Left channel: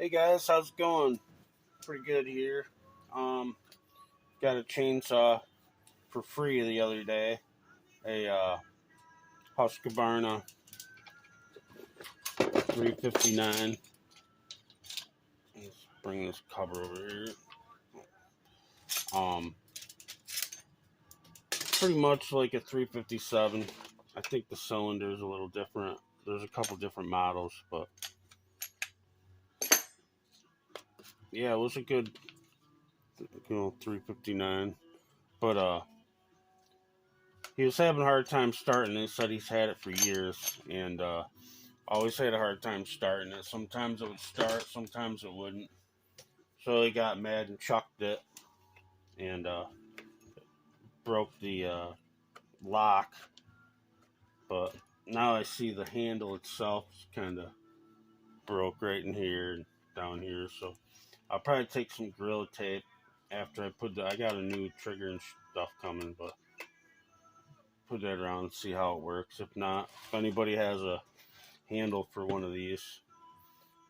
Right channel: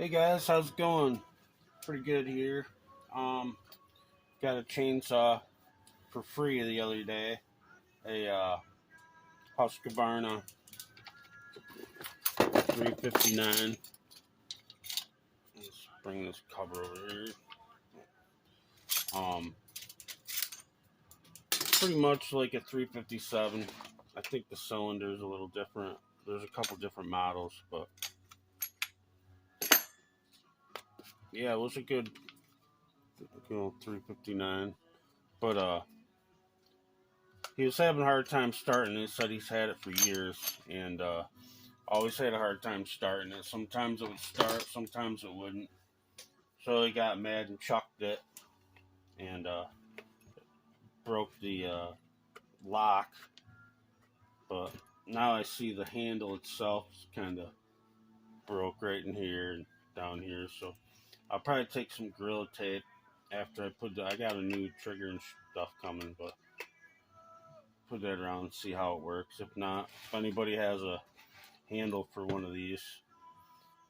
Hey guys, how's it going? Pretty good here. Um, got a chainsaw for free the other day. A Husqvarna 359. Let's bring this cover over here. Um, Pretty much like a 357. I think the cylinder is a little different. There's a couple different models, but yeah, it was a good, 359. But he was having a hard time starting it. Said he's had it for years, and always had a hard time starting it. Sometimes it would start, sometimes it wouldn't. So he got mad and chucked it, and broke the lock. But now I see the handle itself is kind of broke right in here and down here. So I'll probably take some Gorilla Tape after I got a new trigger and stuff coming, but put that around and see how it works. If not, if anybody has a handle for one of these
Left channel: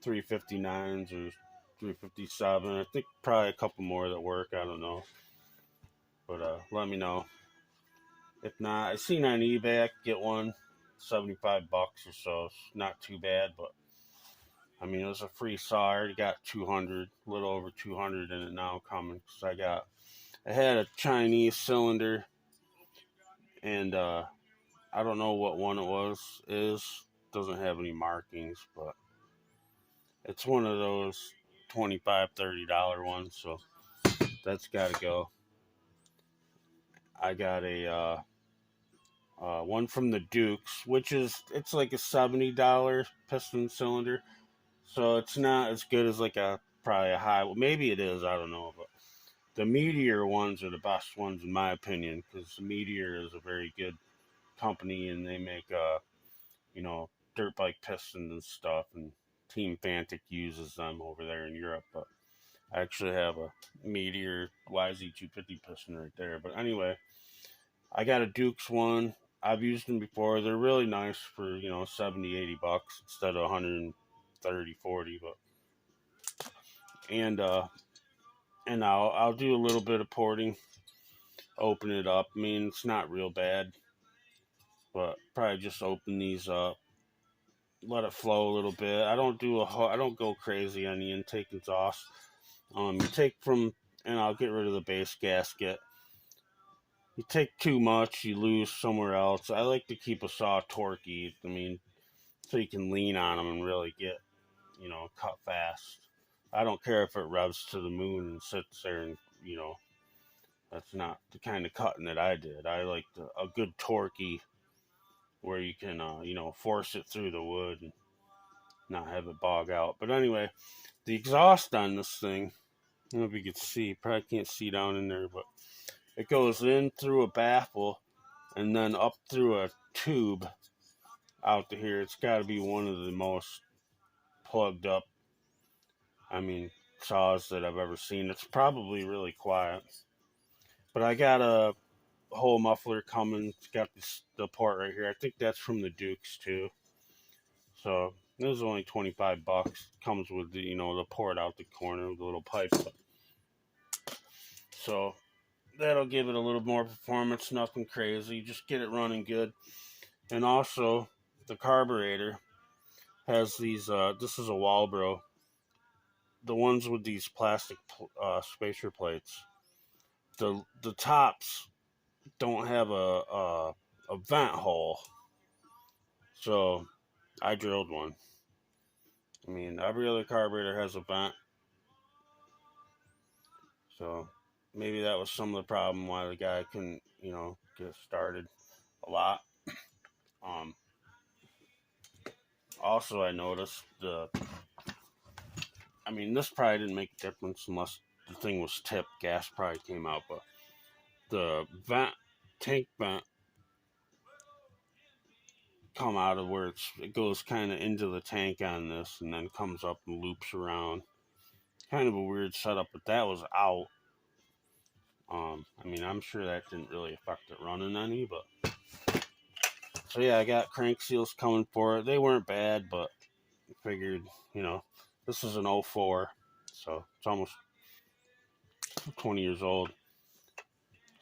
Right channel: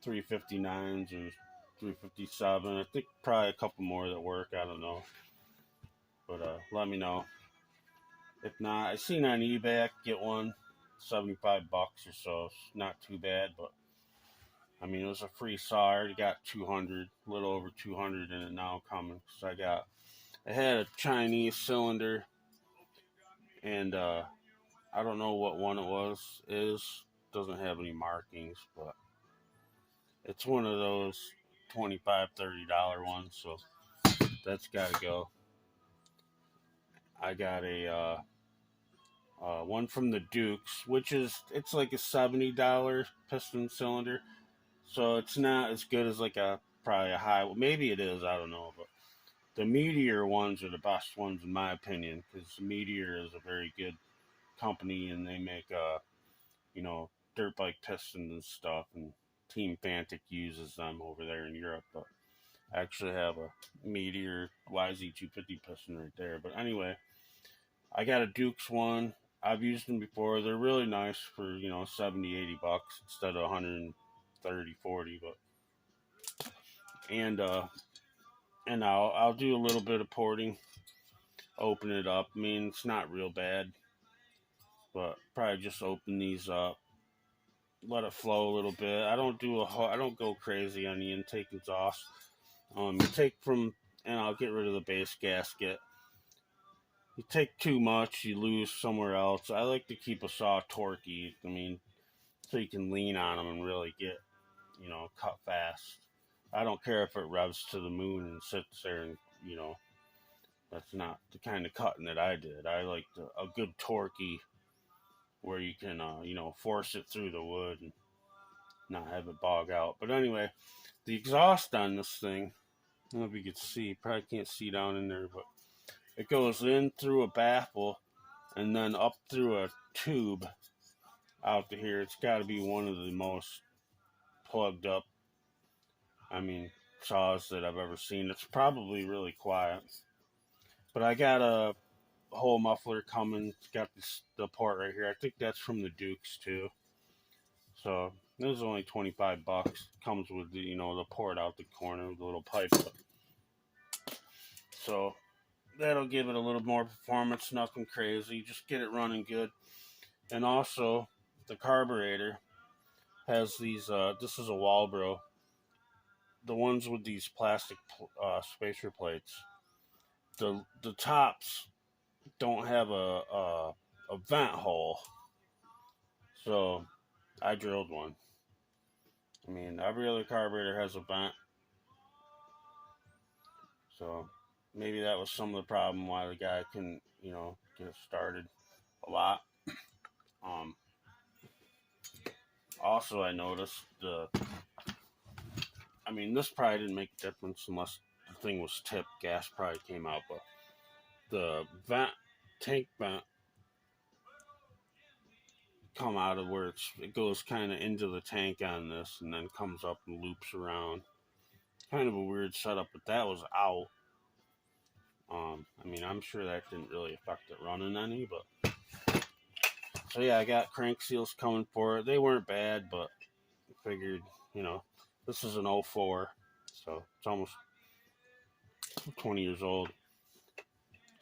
359s or 357, I think probably a couple more that work. I don't know, but let me know. If not, I seen on eBay I could get one, $75 or so. It's not too bad, but I mean, it was a free saw. I already got 200, a little over 200 in it now coming. Cause I had a Chinese cylinder, and I don't know what one it doesn't have any markings, but it's one of those $25-$30 ones, so that's got to go. I got a one from the Dukes, it's like a $70 piston cylinder, so it's not as good as like probably a high. Well, maybe it is. I don't know, but the Meteor ones are the best ones in my opinion, because Meteor is a very good company, and they make dirt bike pistons and stuff, and Team Fantic uses them over there in Europe. But I actually have a Meteor YZ250 piston right there. But anyway, I got a Dukes one. I've used them before. They're really nice for, $70-$80 instead of 130-40. But and I'll do a little bit of porting, open it up. I mean, it's not real bad, but probably just open these up, let it flow a little bit. I don't go crazy on the intake exhaust. You take from, and I'll get rid of the base gasket. You take too much, you lose somewhere else. I like to keep a saw torquey. I mean, so you can lean on them and really get, cut fast. I don't care if it revs to the moon and sits there and, that's not the kind of cutting that I did. I like a good torquey where you can, force it through the wood and not have it bog out. But anyway, the exhaust on this thing, I don't know if you can see, probably can't see down in there, but it goes in through a baffle and then up through a tube out to here. It's got to be one of the most plugged up, saws that I've ever seen. It's probably really quiet. But I got a whole muffler coming. It's got the port right here. I think that's from the Dukes too. So this is only $25. Comes with the port out the corner with the little pipe. So that'll give it a little more performance. Nothing crazy. Just get it running good. And also the carburetor has these. This is a walbro. The ones with these plastic spacer plates. The tops don't have a vent hole, so I drilled one. I mean, every other carburetor has a vent, so maybe that was some of the problem why the guy couldn't, get started a lot. Also, I noticed this probably didn't make a difference unless the thing was tipped. Gas probably came out, but the tank vent come out of where it goes kind of into the tank on this and then comes up and loops around. Kind of a weird setup, but that was out. I'm sure that didn't really affect it running any, but so yeah, I got crank seals coming for it. They weren't bad, but I figured, This is an '04, so it's almost 20 years old.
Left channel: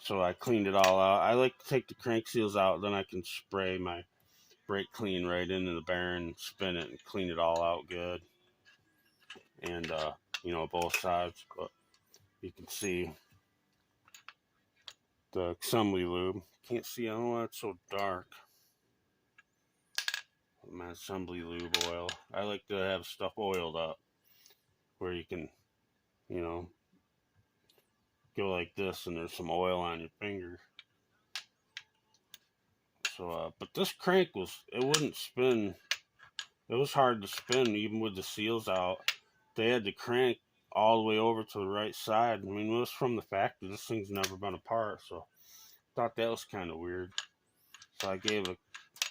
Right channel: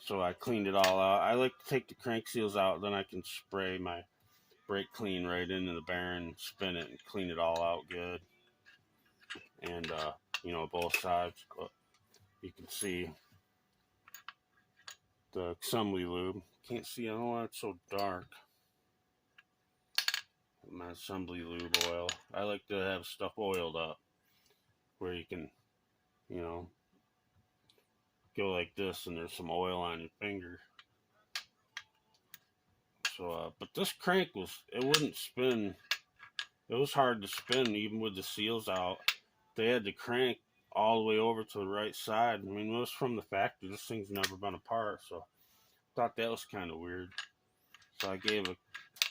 So I cleaned it all out. I like to take the crank seals out, then I can spray my brake clean right into the bearing and spin it and clean it all out good. And, both sides. But you can see the assembly lube. Can't see, I don't know why it's so dark. My assembly lube oil. I like to have stuff oiled up where you can, you know, go like this and there's some oil on your finger. So, but this crank it wouldn't spin. It was hard to spin even with the seals out. They had the crank all the way over to the right side. I mean, it was from the factory. This thing's never been apart, so I thought that was kind of weird. So I gave a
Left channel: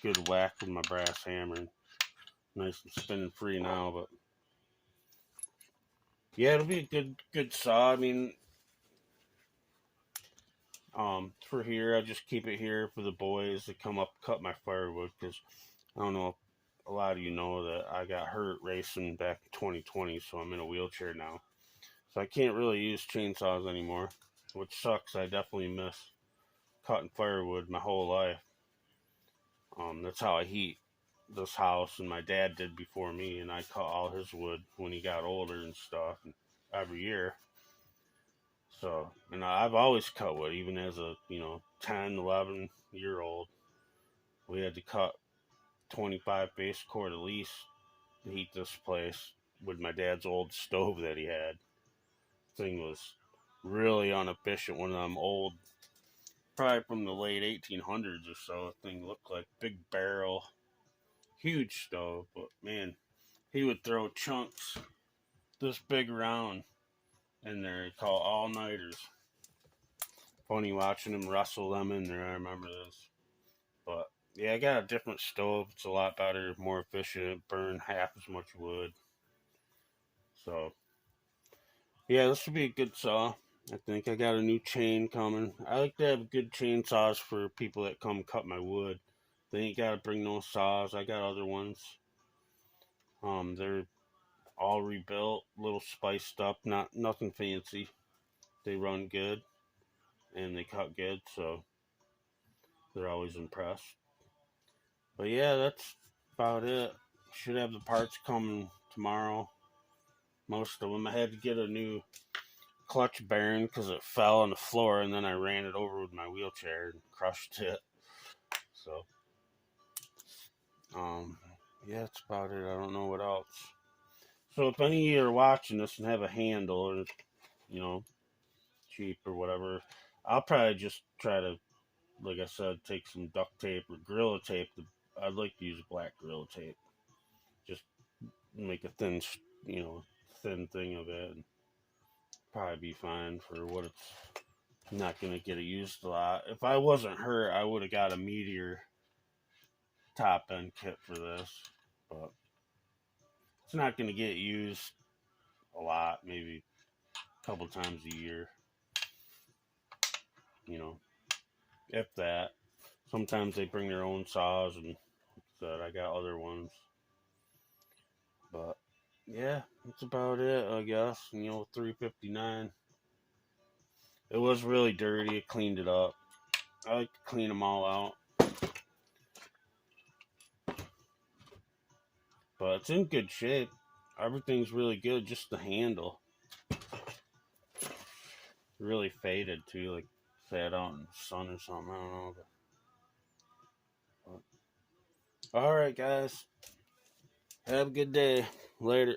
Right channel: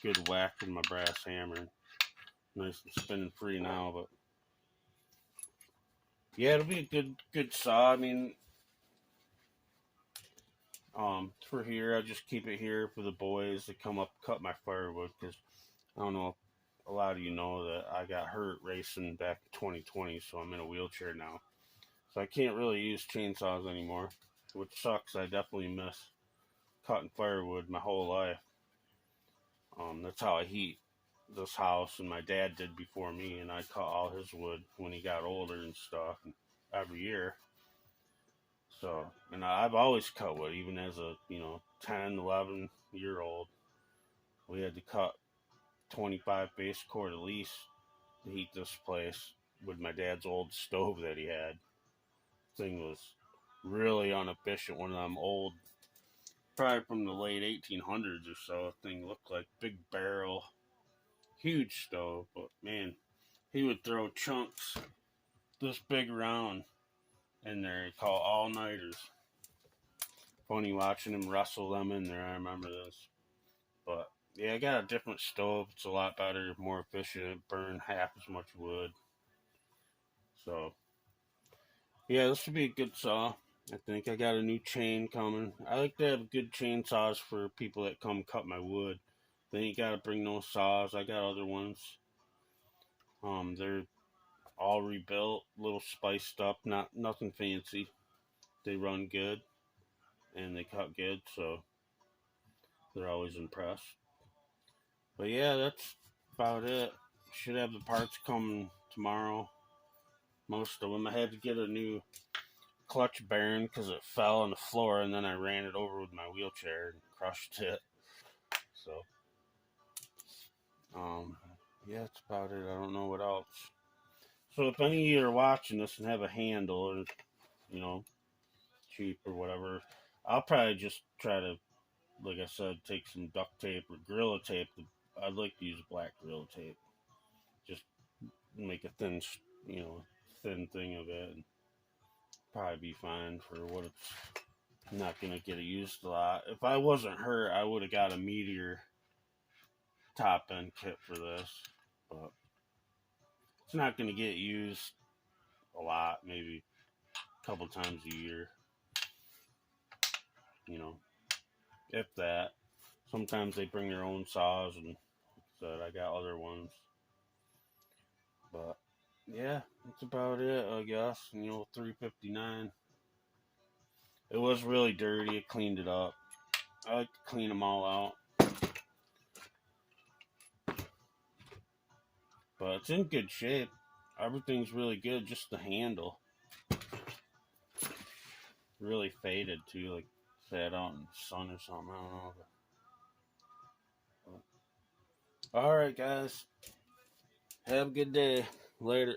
good whack with my brass hammer. Nice and spinning free now, but yeah, it'll be a good saw. I mean, for here, I just keep it here for the boys to come up cut my firewood, because I don't know if a lot of you know that I got hurt racing back in 2020, so I'm in a wheelchair now. So I can't really use chainsaws anymore, which sucks. I definitely miss cutting firewood my whole life. That's how I heat this house, and my dad did before me, and I cut all his wood when he got older and stuff, and every year. So, and I've always cut wood, even as a 10, 11-year-old. We had to cut 25 base cord at least to heat this place with my dad's old stove that he had. Thing was really inefficient. One of them old, probably from the late 1800s or so. The thing looked like big barrel, huge stove. But man, he would throw chunks this big around in there, called all-nighters. Funny watching him wrestle them in there. I remember this. But yeah, I got a different stove. It's a lot better, more efficient. Burn half as much wood. So yeah, this will be a good saw. I think I got a new chain coming. I like to have good chainsaws for people that come cut my wood. They ain't got to bring no saws. I got other ones. They're all rebuilt, a little spiced up, nothing fancy. They run good and they cut good, so they're always impressed. But yeah, that's about it. Should have the parts coming tomorrow. Most of them. I had to get a new clutch bearing because it fell on the floor, and then I ran it over with my wheelchair and crushed it. So, yeah, that's about it. I don't know what else. So if any of you are watching this and have a handle, or cheap or whatever, I'll probably just try to, like I said, take some duct tape or Gorilla Tape. I'd like to use black Gorilla Tape. Just make a thin thing of it, and probably be fine for what it's not going to get used a lot. If I wasn't hurt, I would have got a Meteor top end kit for this, but it's not going to get used a lot, maybe a couple times a year, if that. Sometimes they bring their own saws, and like I got other ones. But yeah, that's about it, I guess. 359. It was really dirty. I cleaned it up. I like to clean them all out. But it's in good shape. Everything's really good, just the handle. Really faded too, like sat out in the sun or something. I don't know. But alright, guys. Have a good day. Later.